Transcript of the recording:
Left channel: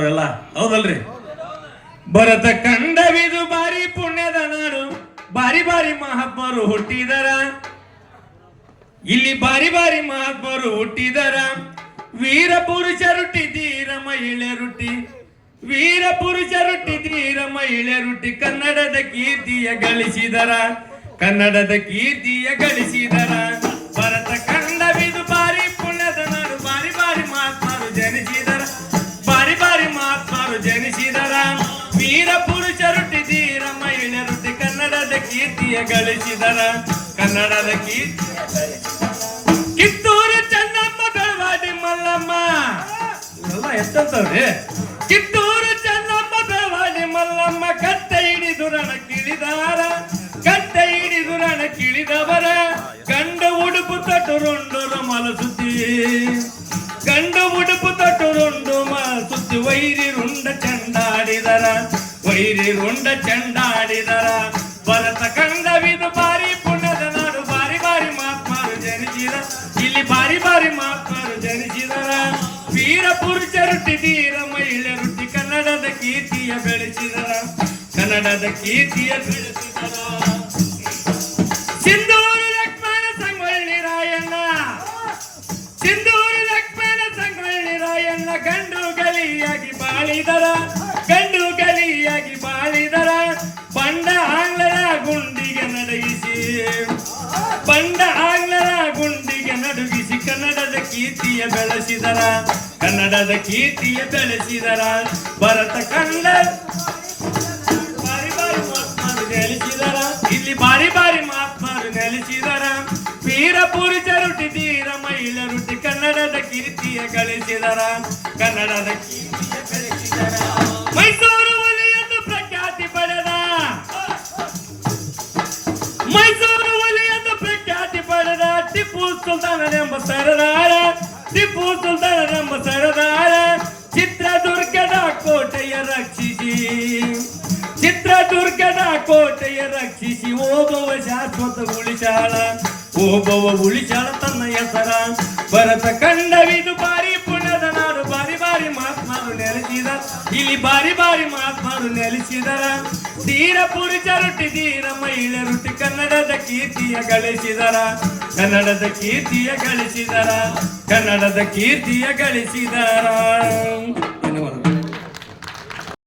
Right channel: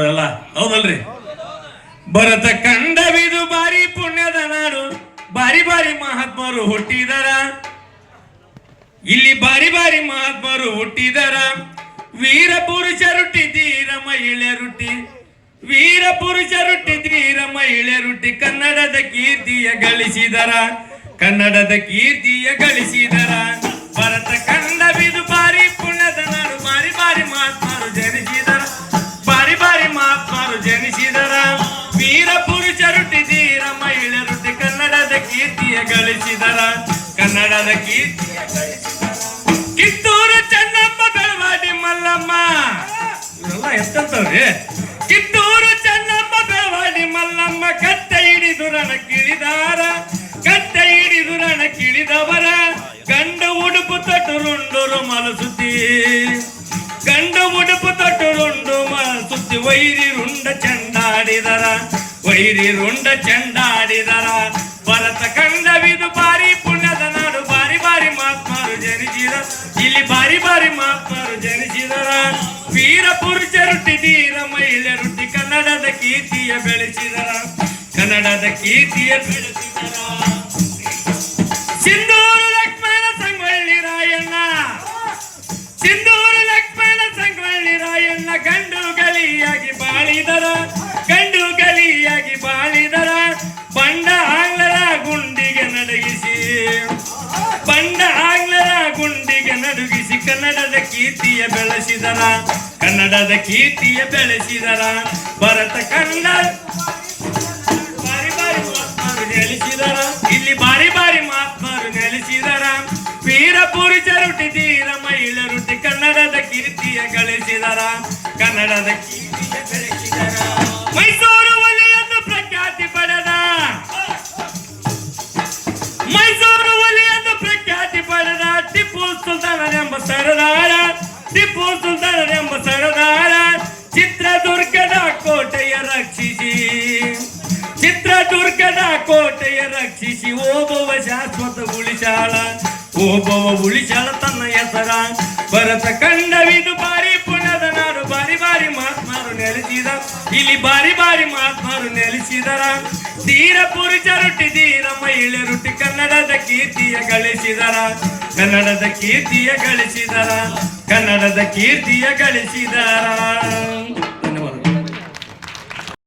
ನಾವೆಲ್ಲ ಹೌದಲ್ರಿ? ಭರತ ಕಂಡವಿದು ಬಾರಿ ಪುಣ್ಯದ ನಾಡು ಬಾರಿ ಬಾರಿ ಮಹಾತ್ಮರು ಹುಟ್ಟಿದರ. ಇಲ್ಲಿ ಬಾರಿ ಬಾರಿ ಮಹಾತ್ಮರು ಹುಟ್ಟಿದರ. ವೀರ ಪುರುಷರುಟ್ಟಿ ಧೀರ ಮಹಿಳೆಯರುಟ್ಟಿ ವೀರ ಪುರುಷರುಟ್ಟಿ ಧೀರ ಮಹಿಳೆಯರುಟ್ಟಿ ಕನ್ನಡದ ಕೀರ್ತಿಯ ಗಳಿಸಿದರ. ಕನ್ನಡದ ಕೀರ್ತಿಯ ಗಳಿಸಿದರ. ಭರತ ಕಂಡವಿದು ಗಳಿಸಿದರ ಕನ್ನಡದ ಕೀರ್ತಿಯ ಕಿತ್ತೂರು ಚೆನ್ನಮ್ಮ ಬೆಳವಾಡಿ ಮಲ್ಲಮ್ಮ ಇವೆಲ್ಲ ಎಷ್ಟಂತವ್ರಿ ಕಿತ್ತೂರು ಚೆನ್ನಮ್ಮ ಬೆಳವಾಡಿ ಮಲ್ಲಮ್ಮ ಕತ್ತೆ ಹಿಡಿದು ರಣ ಕಿಳಿದಾರ ಕತ್ತೆ ಹಿಡಿದು ರಣ ಕಿಳಿದವರ ಗಂಡ ಉಡುಪು ತೊಟ್ಟು ರುಂಡು ಮಲಸುತ್ತಿ ಗಂಡ ಉಡುಪು ತೊಟ್ಟು ರುಂಡು ಸುತ್ತಿ ವೈರಿ ರುಂಡ ಚೆಂಡಾಡಿದರ ವೈರಿ ರುಂಡ ಚೆಂಡಾಡಿದರ ವೀರ ಪುರುಷರುಟ್ಟಿ ಧೀರ ಮಹಿಳೆಯರುಟ್ಟಿ ಕನ್ನಡದ ಕೀರ್ತಿಯ ಬೆಳೆಸಿದರ ಕನ್ನಡದ ಕೀರ್ತಿಯ ಬೆಳೆಸಿದರ ಕೀರ್ತಿಯ ಬೆಳೆಸಿದರ ಕನ್ನಡದ ಕೀರ್ತಿಯ ಬೆಳೆಸಿದರ ಭರತ ಕಂಡ ಬಾರಿ ಬಾರಿ ಮಹಾತ್ಮರು ನೆಲೆಸಿದರ, ಇಲ್ಲಿ ಬಾರಿ ಬಾರಿ ಮಹಾತ್ಮರು ನೆಲೆಸಿದರ. ವೀರ ಪುರುಷರುಟಿ ಧೀರ ಮಹಿಳೆರುಟಿ ಕನ್ನಡದ ಕೀರ್ತಿಯ ಗಳಿಸಿದರ, ಕನ್ನಡದ ಕೀರ್ತಿಯ ಬೆಳೆಸಿದರ. ಮೈಸೂರು ಒಲಿಯನ್ನು ಪ್ರಖ್ಯಾತಿ ಪಡೆದ, ಮೈಸೂರು ಒಲೆಯನ್ನು ಪ್ರಖ್ಯಾತಿ ಪಡೆದ ಟಿಪ್ಪು ಸುಲ್ತಾನರೆಂಬ ಸರದಾರ. ಟಿಪ್ಪು ಸುಲ್ತಾನರೆಂಬ ಸರದಾರ ಚಿತ್ರದುರ್ಗದ ಕೋಟೆಯ ರಕ್ಷಿಸಿ. ಚಿತ್ರದುರ್ಗದ ಕೋಟೆಯ ರಕ್ಷಿಸಿ. ಓಬವ ಶಾಶ್ವತ ಉಳಿಸಾಳ ಓಬವ ಉಳಿಸಾಳ ತನ್ನ ಹೆಸರ. ಭರತ ಕಂಡವಿದು ಬಾರಿ ಪುಣ್ಯದ ನಾಡು ಬಾರಿ ಬಾರಿ ಮಹಾತ್ಮರು ನೆಲೆಸಿದ. ಇಲ್ಲಿ ಬಾರಿ ಬಾರಿ ಮಹಾತ್ಮರು ನೆಲೆಸಿದರ. ತೀರ ಪುರುಷರುಟ್ಟಿ ತೀರ ಕನ್ನಡದ ಕೀರ್ತಿಯ ಗಳಿಸಿದರ. ಕನ್ನಡದ ಕೀರ್ತಿಯ ಗಳಿಸಿದರ. ಕೀರ್ತಿಯ ಗಳಿಸಿದರ.